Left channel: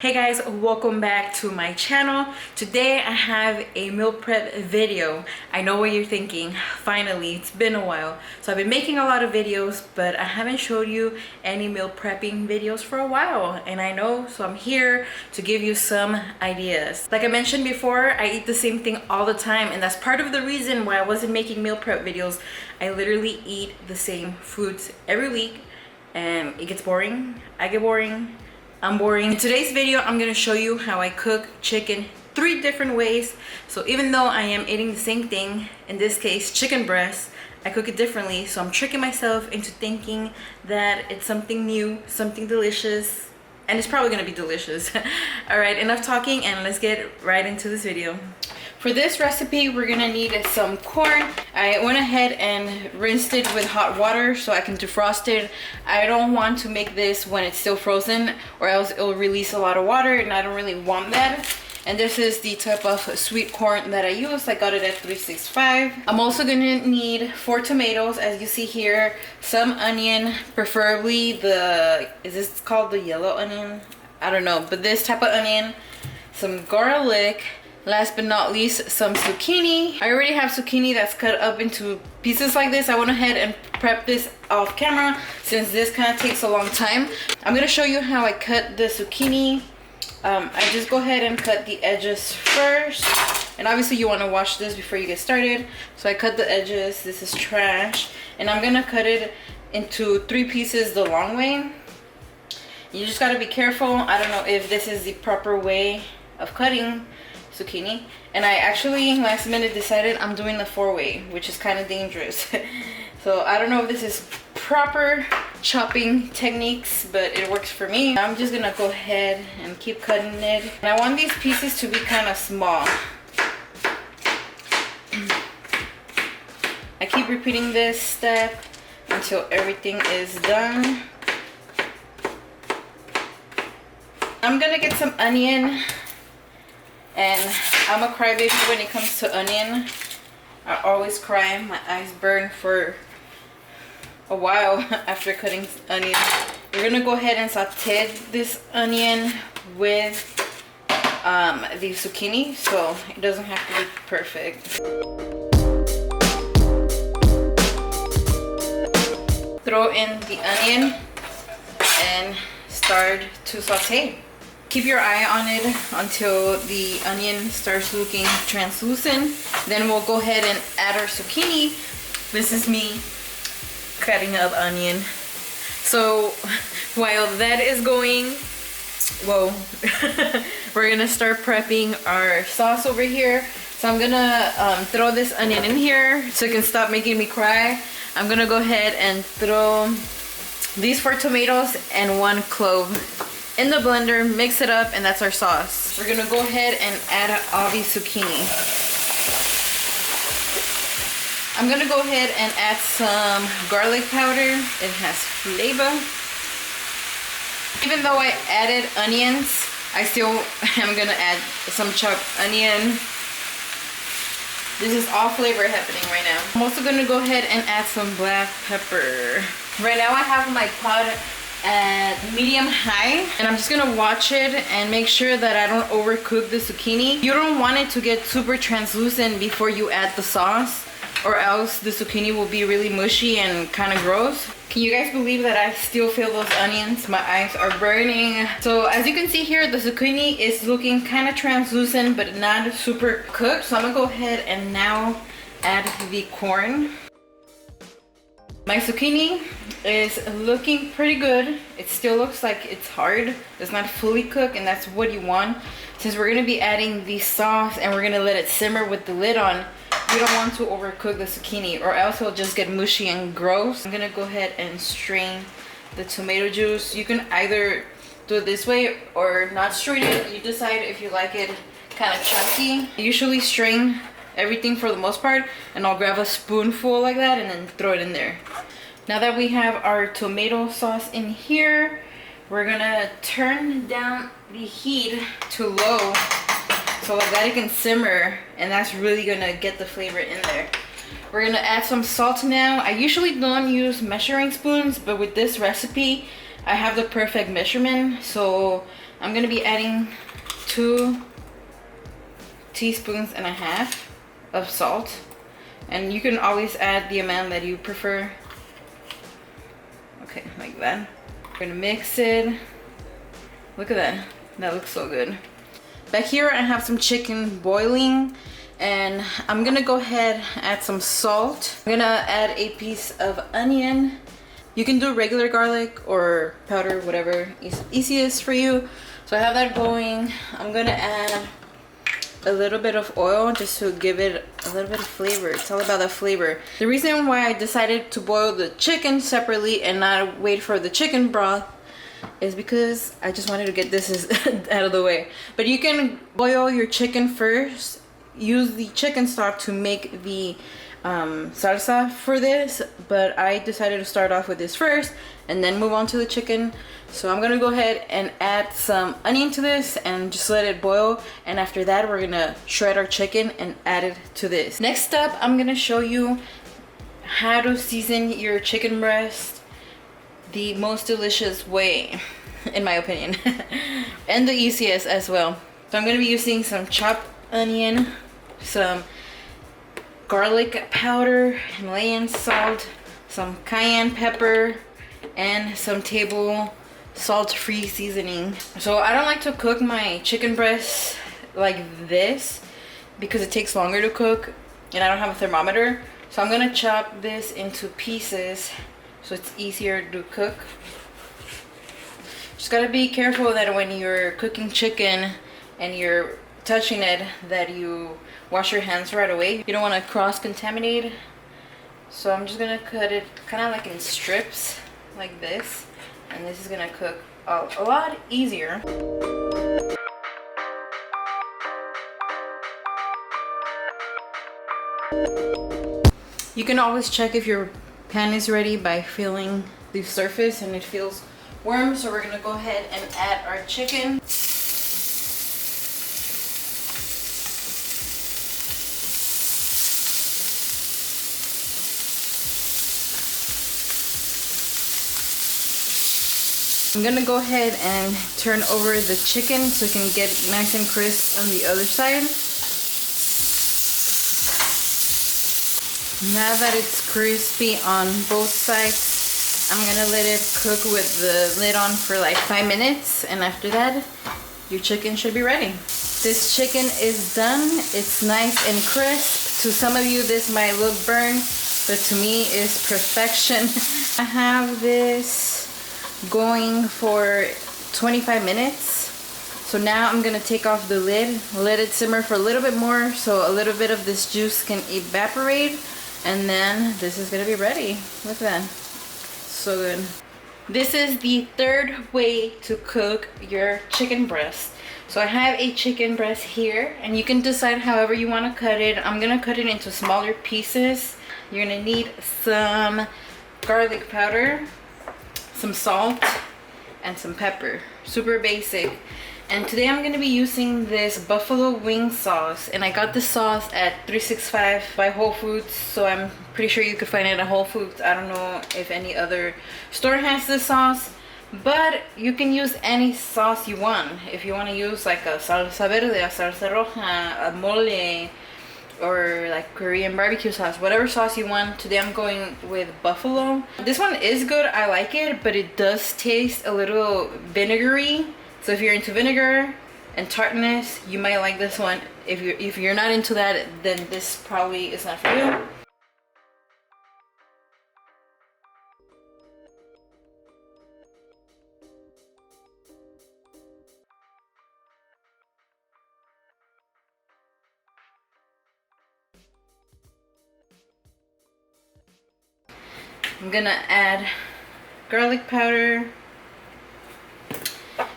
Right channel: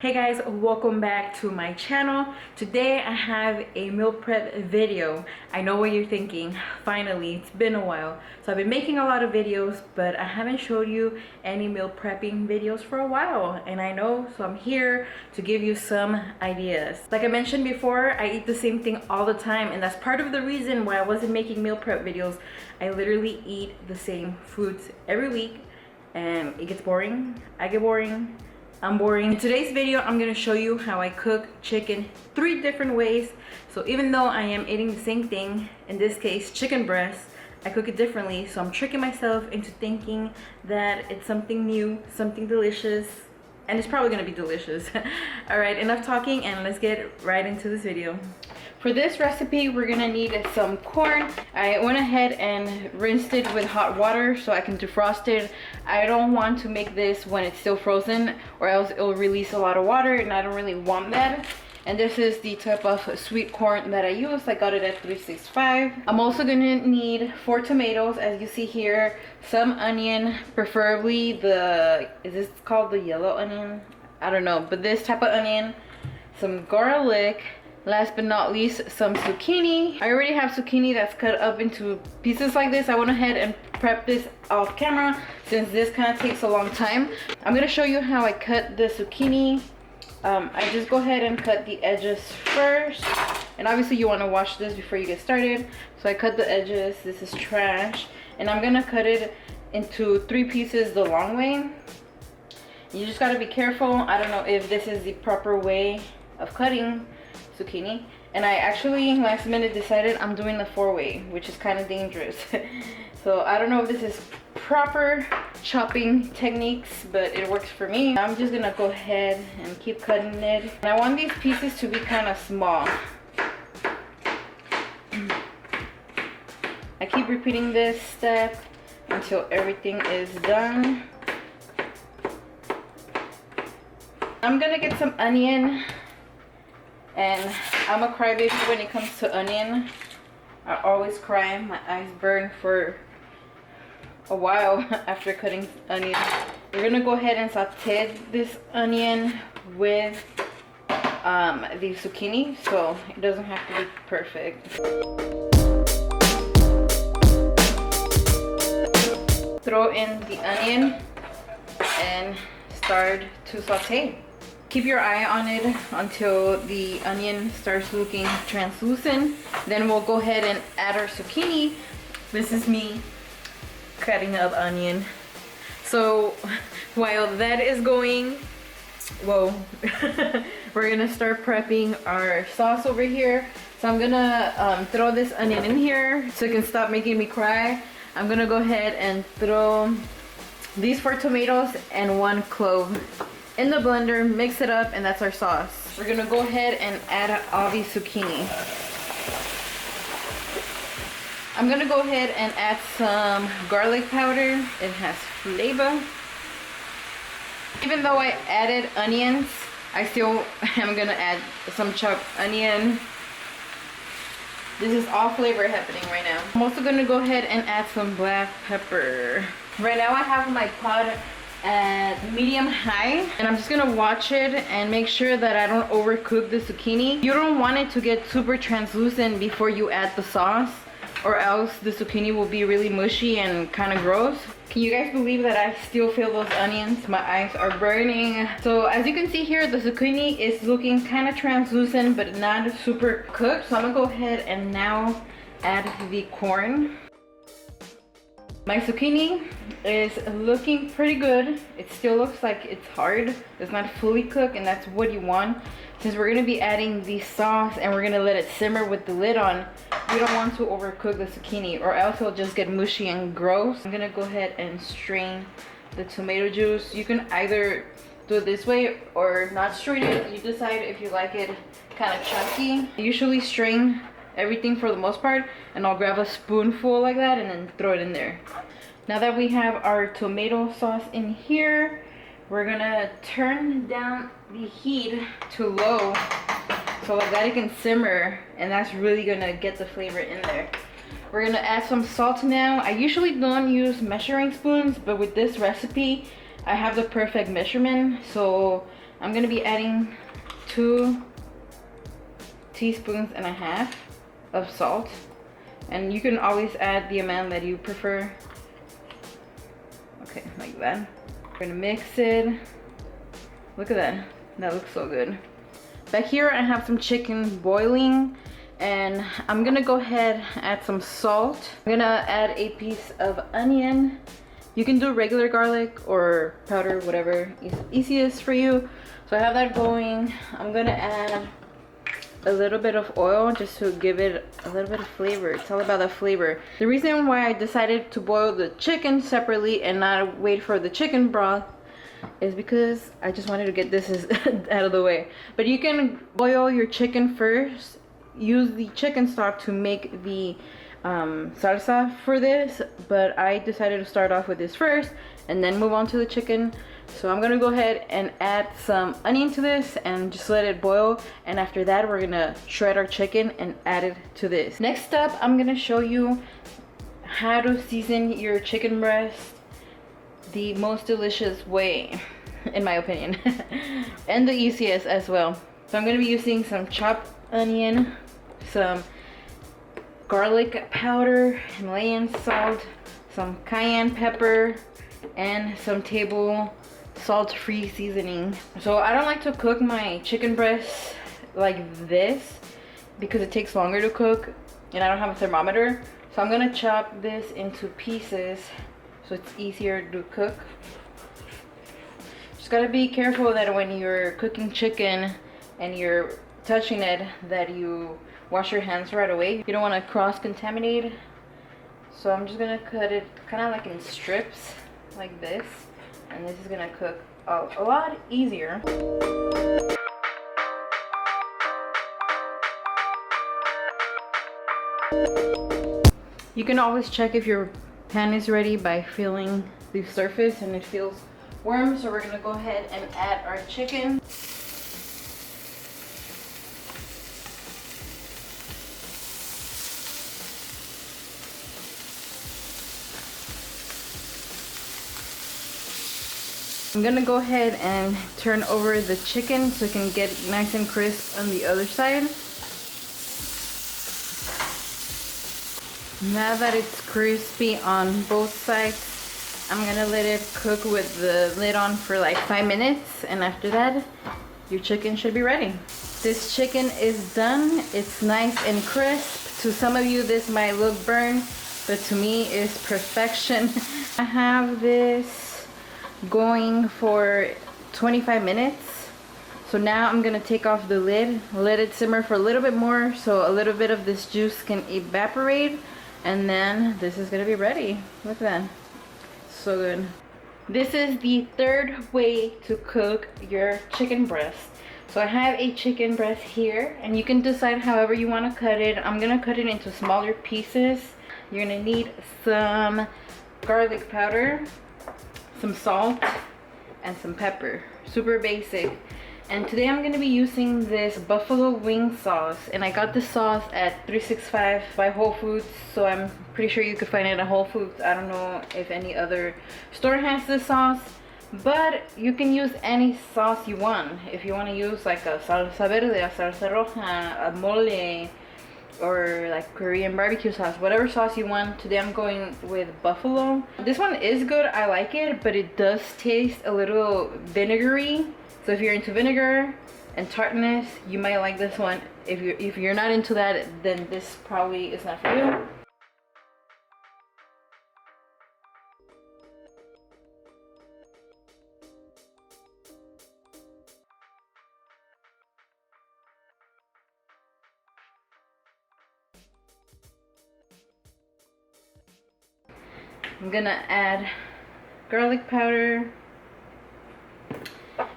Hey guys, welcome back to my channel. Today I have a meal prep video. I know what you're thinking. Finally, it's been a while. So I've been making a lot of videos, but I haven't showed you any meal prepping videos for a while. And I know, so I'm here to give you some ideas. Like I mentioned before, I eat the same thing all the time, and that's part of the reason why I wasn't making meal prep videos. I literally eat the same foods every week, and it gets boring. I get boring. I'm boring. In today's video, I'm gonna show you how I cook chicken 3 different ways. So even though I am eating the same thing, in this case chicken breast, I cook it differently. So I'm tricking myself into thinking that it's something new, something delicious, and it's probably gonna be delicious. All right, enough talking and let's get right into this video. For this recipe, we're gonna need some corn. I went ahead and rinsed it with hot water so I can defrost it. I don't want to make this when it's still frozen, or else it'll release a lot of water, and I don't really want that. And this is the type of sweet corn that I use. I got it at 365. I'm also gonna need 4 tomatoes, as you see here, some onion, preferably is this called the yellow onion? I don't know, but this type of onion, some garlic. Last but not least, some zucchini. I already have zucchini that's cut up into pieces like this. I went ahead and prepped this off camera since this kind of takes a long time. I'm gonna show you how I cut the zucchini. I just go ahead and cut the edges first. And obviously you wanna wash this before you get started. So I cut the edges, this is trash. And I'm gonna cut it into 3 pieces the long way. You just gotta be careful. I don't know if this is the proper way of cutting zucchini, and I actually last minute decided I'm doing the 4-way, which is kind of dangerous. So I don't know if this is proper chopping techniques, but it works for me. I'm just gonna go ahead and keep cutting it, and I want these pieces to be kind of small. I keep repeating this step until everything is done. I'm gonna get some onion. And I'm a crybaby when it comes to onion. I always cry. My eyes burn for a while after cutting onion. We're gonna go ahead and saute this onion with the zucchini, so it doesn't have to be perfect. Throw in the onion and start to saute. Keep your eye on it until the onion starts looking translucent. Then we'll go ahead and add our zucchini. This is me cutting up onion. So while that is going, whoa, we're gonna start prepping our sauce over here. So I'm gonna throw this onion in here so it can stop making me cry. I'm gonna go ahead and throw these 4 tomatoes and 1 clove in the blender, mix it up, and that's our sauce. We're gonna go ahead and add all these zucchini. I'm gonna go ahead and add some garlic powder. It has flavor. Even though I added onions, I still am gonna add some chopped onion. This is all flavor happening right now. I'm also gonna go ahead and add some black pepper. Right now I have my pot at medium high, and I'm just gonna watch it and make sure that I don't overcook the zucchini. You don't want it to get super translucent before you add the sauce, or else the zucchini will be really mushy and kind of gross. Can you guys believe that I still feel those onions? My eyes are burning. So as you can see here, the zucchini is looking kind of translucent but not super cooked. So I'm gonna go ahead and now add the corn. My zucchini is looking pretty good. It still looks like it's hard. It's not fully cooked, and that's what you want. Since we're gonna be adding the sauce and we're gonna let it simmer with the lid on, you don't want to overcook the zucchini, or else it'll just get mushy and gross. I'm gonna go ahead and strain the tomato juice. You can either do it this way or not strain it. You decide if you like it kind of chunky. I usually strain everything for the most part, and I'll grab a spoonful like that and then throw it in there. Now that we have our tomato sauce in here, we're gonna turn down the heat to low so that it can simmer, and that's really gonna get the flavor in there. We're gonna add some salt now. I usually don't use measuring spoons, but with this recipe I have the perfect measurement, so I'm gonna be adding 2.5 teaspoons of salt, and you can always add the amount that you prefer. Okay, like that. We're gonna mix it. Look at that. That looks so good. Back here I have some chicken boiling, and I'm gonna go ahead and add some salt. I'm gonna add a piece of onion. You can do regular garlic or powder, whatever is easiest for you. So I have that going. I'm gonna add a little bit of oil just to give it a little bit of flavor. It's all about the flavor. The reason why I decided to boil the chicken separately and not wait for the chicken broth is because I just wanted to get this out of the way. But you can boil your chicken first, use the chicken stock to make the salsa for this, but I decided to start off with this first and then move on to the chicken. So I'm gonna go ahead and add some onion to this and just let it boil, and after that we're gonna shred our chicken and add it to this. Next up, I'm gonna show you how to season your chicken breast the most delicious way, in my opinion, and the easiest as well. So I'm gonna be using some chopped onion, some garlic powder, Himalayan salt, some cayenne pepper, and some table salt-free seasoning. So I don't like to cook my chicken breast like this because it takes longer to cook and I don't have a thermometer. So I'm gonna chop this into pieces so it's easier to cook. Just gotta be careful that when you're cooking chicken and you're touching it, that you wash your hands right away. You don't want to cross-contaminate. So I'm just gonna cut it kind of like in strips like this, and this is gonna cook a lot easier. You can always check if your pan is ready by feeling the surface and it feels warm. So we're gonna go ahead and add our chicken. I'm gonna go ahead and turn over the chicken so it can get nice and crisp on the other side. Now that it's crispy on both sides, I'm gonna let it cook with the lid on for like 5 minutes, and after that, your chicken should be ready. This chicken is done. It's nice and crisp. To some of you, this might look burnt, but to me, it's perfection. I have this going for 25 minutes. So now I'm gonna take off the lid, let it simmer for a little bit more so a little bit of this juice can evaporate, and then this is gonna be ready. Look at that, so good. This is the third way to cook your chicken breast. So I have a chicken breast here, and you can decide however you want to cut it. I'm gonna cut it into smaller pieces. You're gonna need some garlic powder, some salt, and some pepper. Super basic. And today I'm gonna be using this buffalo wing sauce, and I got this sauce at 365 by Whole Foods, so I'm pretty sure you could find it at Whole Foods. I don't know if any other store has this sauce, but you can use any sauce you want. If you want to use like a salsa verde, a salsa roja, a mole, or like Korean barbecue sauce, whatever sauce you want. Today I'm going with buffalo. This one is good, I like it, but it does taste a little vinegary. So if you're into vinegar and tartness, you might like this one. If you're not into that, then this probably is not for you. I'm gonna add garlic powder,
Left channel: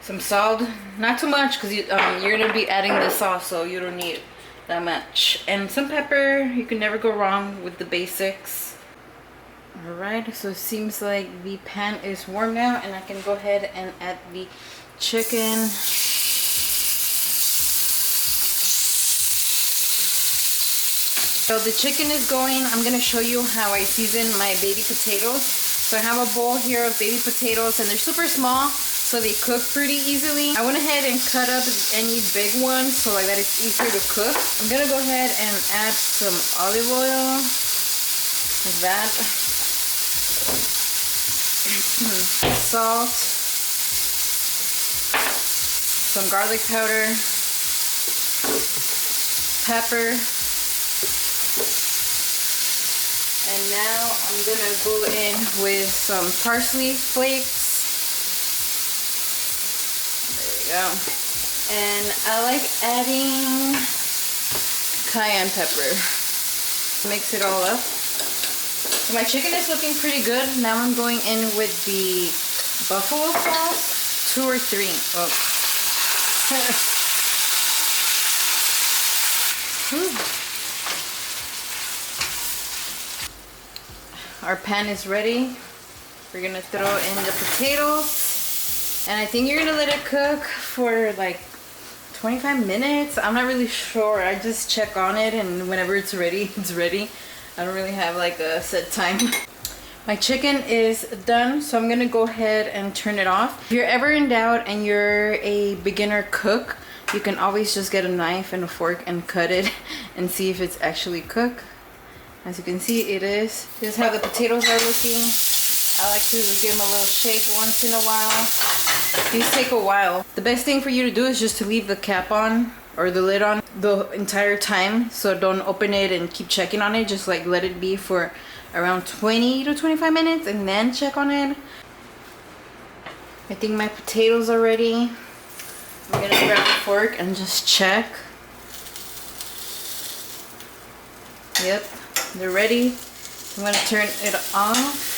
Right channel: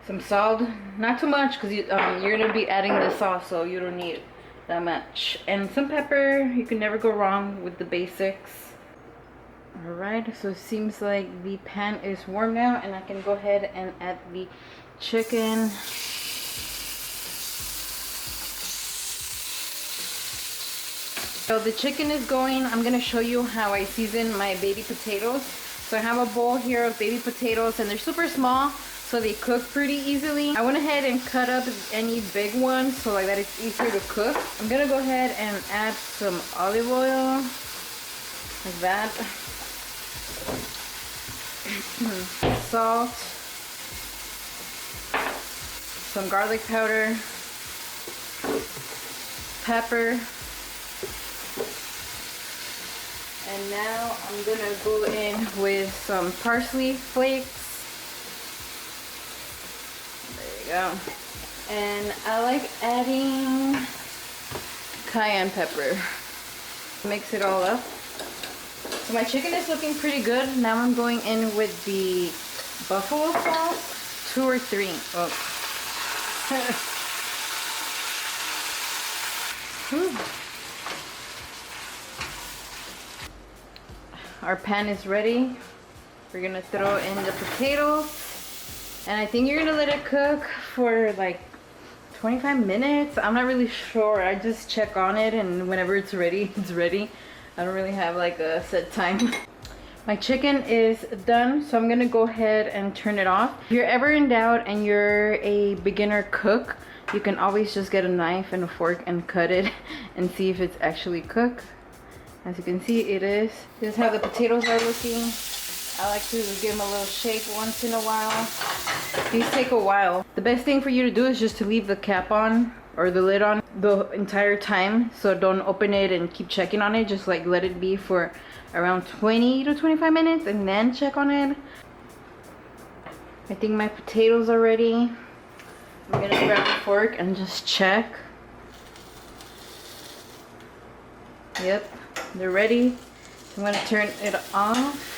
some salt, not too much because you're gonna be adding the sauce, so you don't need that much, and some pepper. You can never go wrong with the basics. Alright, so it seems like the pan is warm now, and I can go ahead and add the chicken. So the chicken is going. I'm gonna show you how I season my baby potatoes. So I have a bowl here of baby potatoes, and they're super small, so they cook pretty easily. I went ahead and cut up any big ones so like that it's easier to cook. I'm gonna go ahead and add some olive oil, like that. Salt, some garlic powder, pepper, and now I'm gonna go in with some parsley flakes. There you go. And I like adding cayenne pepper. Mix it all up. So my chicken is looking pretty good. Now I'm going in with the buffalo sauce, 2 or 3. Oh. Our pan is ready. We're gonna throw in the potatoes. And I think you're gonna let it cook for like 25 minutes. I'm not really sure. I just check on it and whenever it's ready, it's ready. I don't really have like a set time. My chicken is done, so I'm gonna go ahead and turn it off. If you're ever in doubt and you're a beginner cook, you can always just get a knife and a fork and cut it and see if it's actually cooked. As you can see, it is. This is how the potatoes are looking. I like to give them a little shake once in a while. These take a while. The best thing for you to do is just to leave the cap on or the lid on the entire time. So don't open it and keep checking on it. Just like let it be for around 20 to 25 minutes and then check on it. I think my potatoes are ready. I'm gonna grab a fork and just check. Yep, they're ready. I'm gonna turn it off.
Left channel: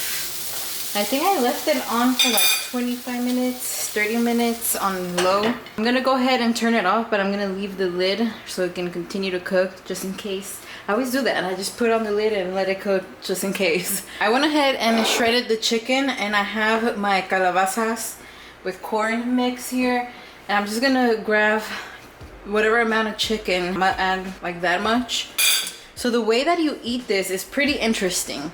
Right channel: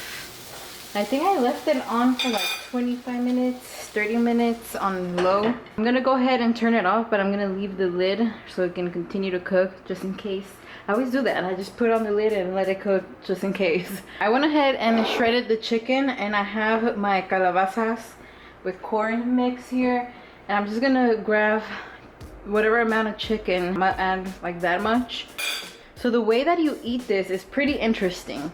I think I left it on for like 25 minutes, 30 minutes on low. I'm gonna go ahead and turn it off, but I'm gonna leave the lid so it can continue to cook just in case. I always do that. I just put on the lid and let it cook just in case. I went ahead and shredded the chicken and I have my calabazas with corn mix here. And I'm just gonna grab whatever amount of chicken. I'm gonna add like that much. So the way that you eat this is pretty interesting.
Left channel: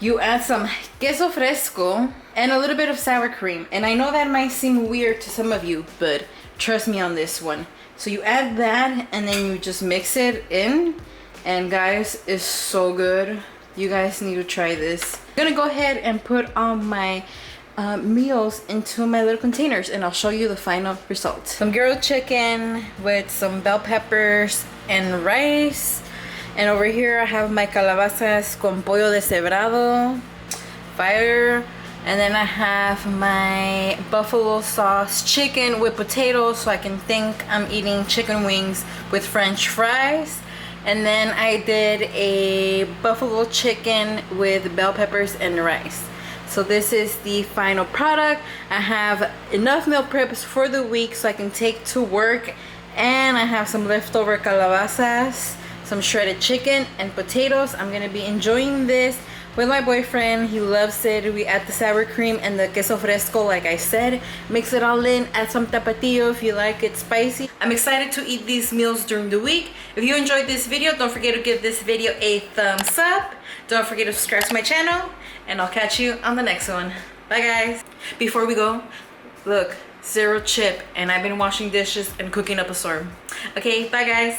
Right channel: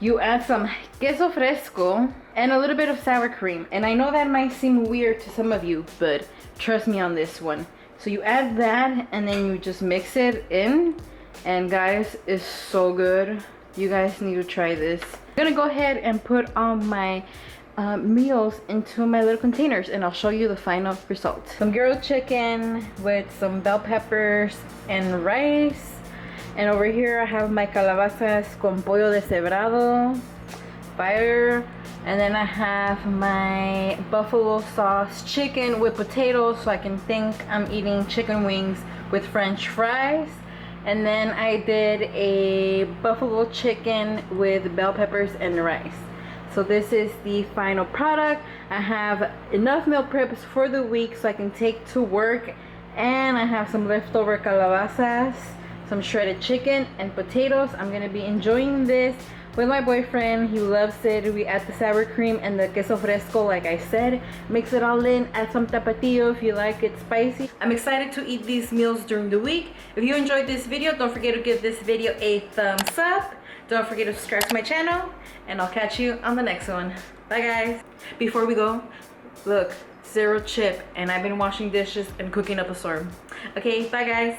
You add some queso fresco and a little bit of sour cream. And I know that might seem weird to some of you, but trust me on this one. So you add that and then you just mix it in. And guys, it's so good. You guys need to try this. I'm gonna go ahead and put on my meals into my little containers and I'll show you the final result. Some grilled chicken with some bell peppers and rice. And over here I have my calabazas con pollo deshebrado, fire. And then I have my buffalo sauce chicken with potatoes, so I can think I'm eating chicken wings with French fries. And then I did a buffalo chicken with bell peppers and rice. So this is the final product. I have enough meal preps for the week so I can take to work. And I have some leftover calabazas, some shredded chicken and potatoes. I'm gonna be enjoying this with my boyfriend. He loves it. We add the sour cream and the queso fresco like I said. Mix it all in, add some tapatio if you like it spicy. I'm excited to eat these meals during the week. If you enjoyed this video, don't forget to give this video a thumbs up. Don't forget to subscribe to my channel and I'll catch you on the next one. Bye guys. Before we go, look, 0 chip and I've been washing dishes and cooking up a storm. Okay, bye guys.